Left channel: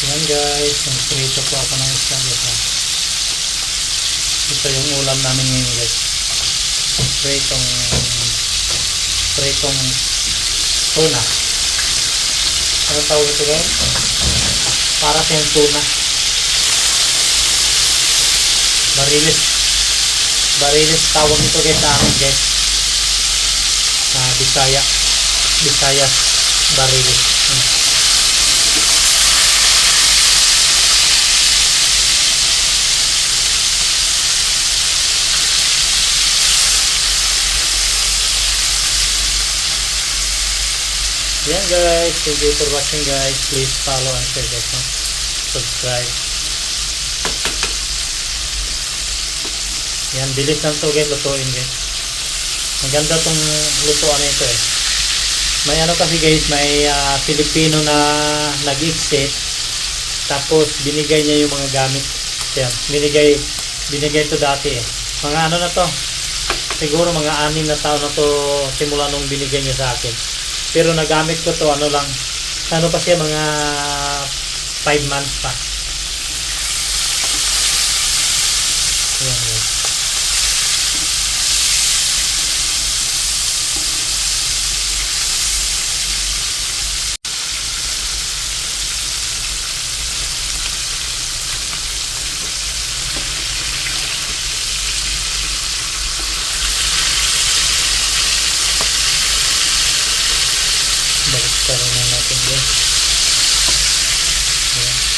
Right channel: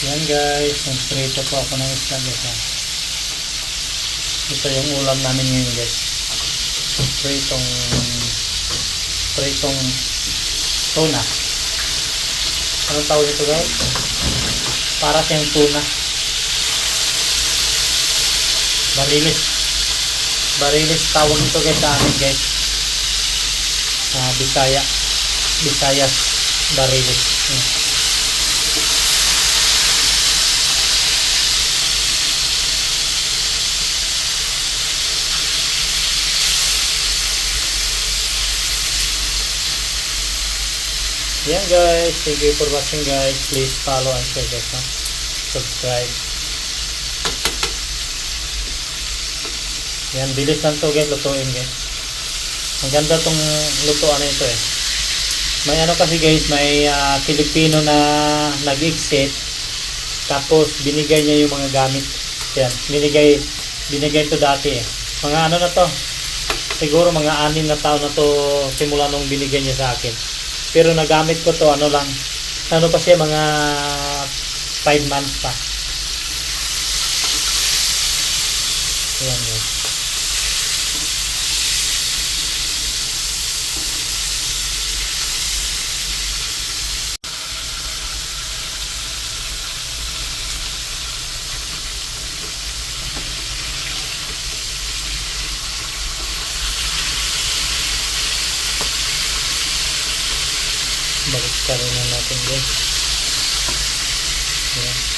Yan guys, nagprito po ako ng isda guys. Ito yung ulam namin ngayon guys. Pritong pritong tuna. Ano tawag ito guys? Para siyang tuna. Barilis. Barilis tawag ito guys sa amin guys. Ah, Bisaya. Bisayas Barilis. Hmm. Yan guys, thank you for watching guys. Please follow and share guys. No? Subscribe. Yan, bilis lang to guys, lutuin guys. Ang ganda tong lutuan na ito eh. May ano kasi guys, may ah, Filipino na nag-exit. Tapos binigay niya yung mga gamit. Yan, binigay binigay to dati eh. Mga ano na to? Siguro mga anim na taon na to simula nung binigay niya sa akin. Pero nagamit ko to ano lang. Ano pa siya mga 5 months pa. Ayan guys. Karoon na natin guys. Ayan.